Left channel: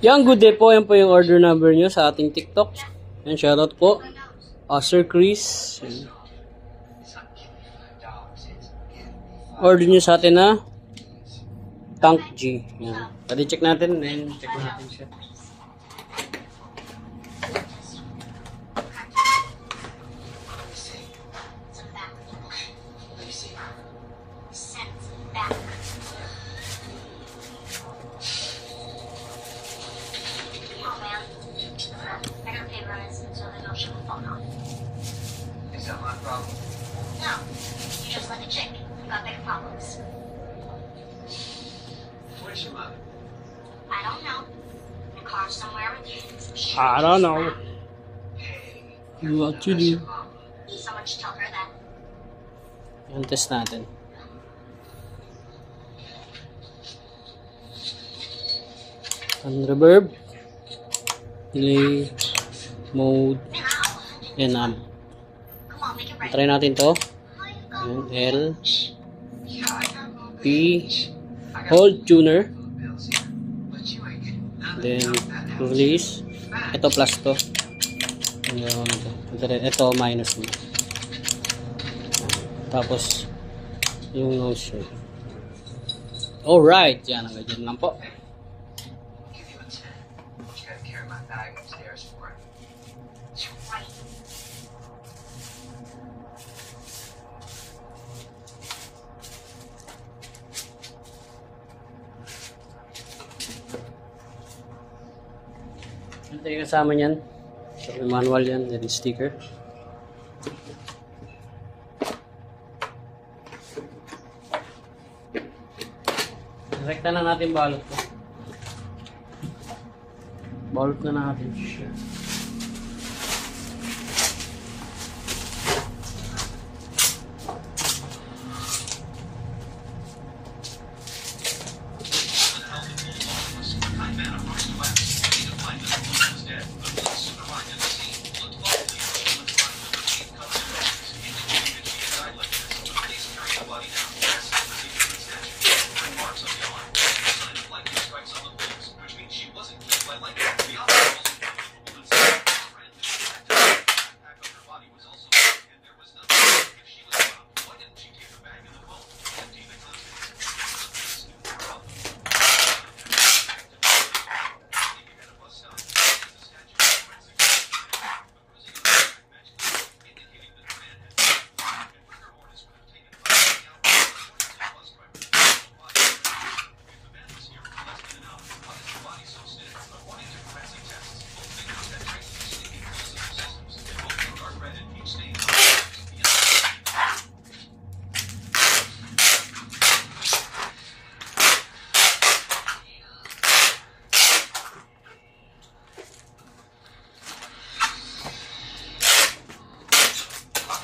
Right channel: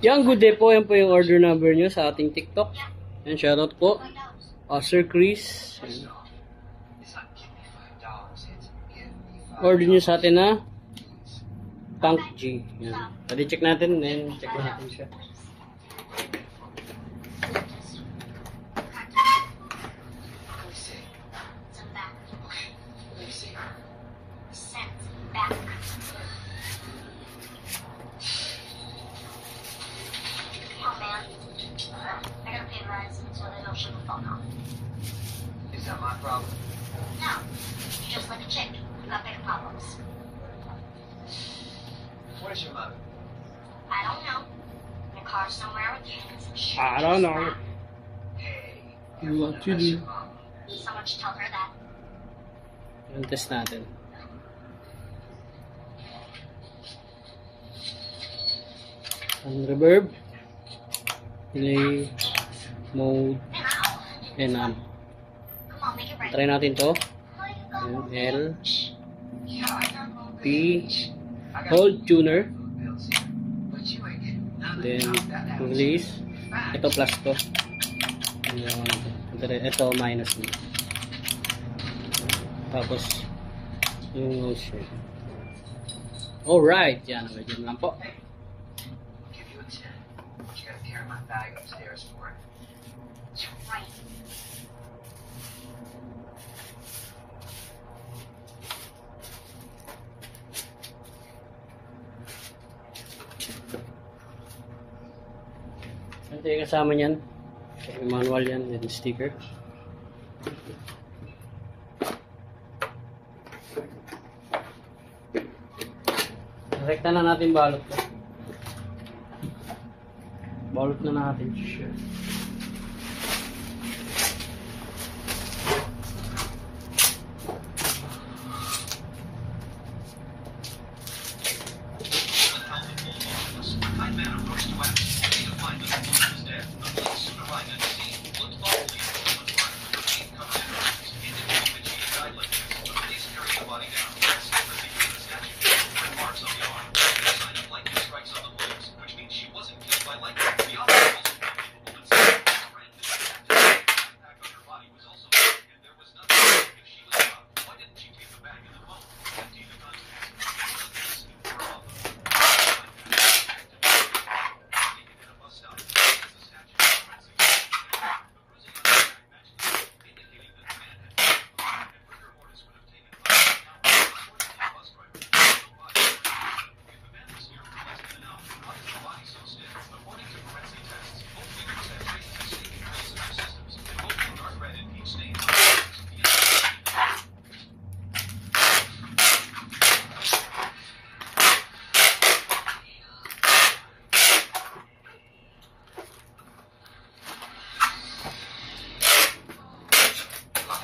Yan, good day po. Yan po yung order number nyo sa ating TikTok. Yan, shoutout po. Sir Chris. Yan. Order nyo sa atin na Tank G. Yan. Pwede check natin. Then, check natin siya. Is that my problem? No. You just like a chick. You got bigger problems. Where's your mother? I don't know. In a car somewhere with you and some shit. I don't know. Hey. What you do? Someone should tell her that. Yan, test natin. On reverb. Delay. Mode. And Come on, make it right. try natin to. Yung L. P. Hold tuner. Then release. Ito plus to. Ito minus mo. Tapos yung nose shape. Alright. Yan. Hanggang lang po. Give you a 10. You gotta carry my bag upstairs for it. Right. Ito yung kasama niyan. May manual yan. Then sticker. Rekta na natin balot ko. Balot na natin siya.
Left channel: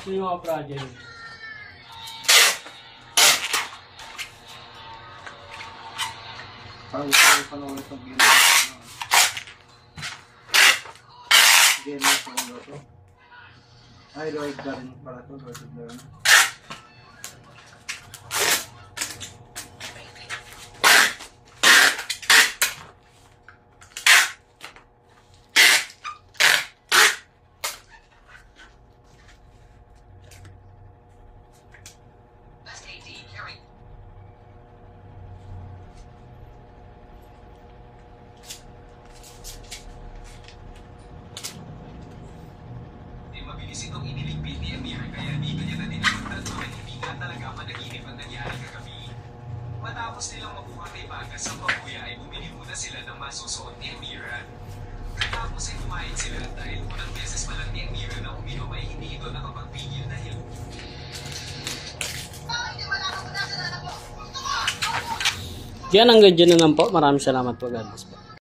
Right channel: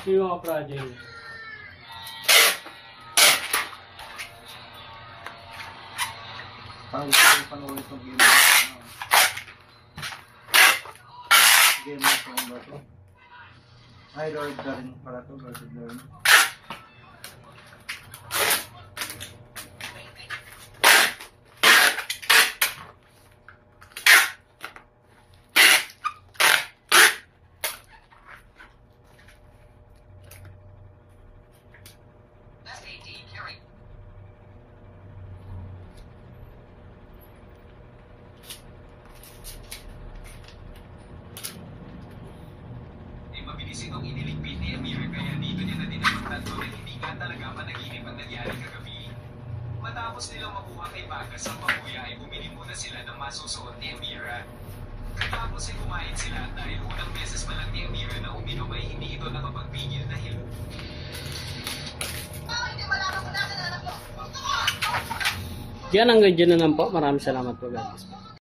Ito yung mga project. Parang gusto ko panoorin itong game. Game na ito ano to. Ay, Lord God para to. Lord God. Mabilis itong iniligpit ni Amir kaya dito niya na dinagdag na hindi nga talaga panaginip ang nangyari kagabi. Matapos nilang makuha kay Bagas ang pagkuya ay bumili muna sila ng masusuot ni Amira. Katapos ay kumain sila dahil unang beses pa lang ni Amira na uminom ay hindi ito nakapagpigil dahil Yan, hanggang dyan na lang po. Maraming salamat po. God bless po.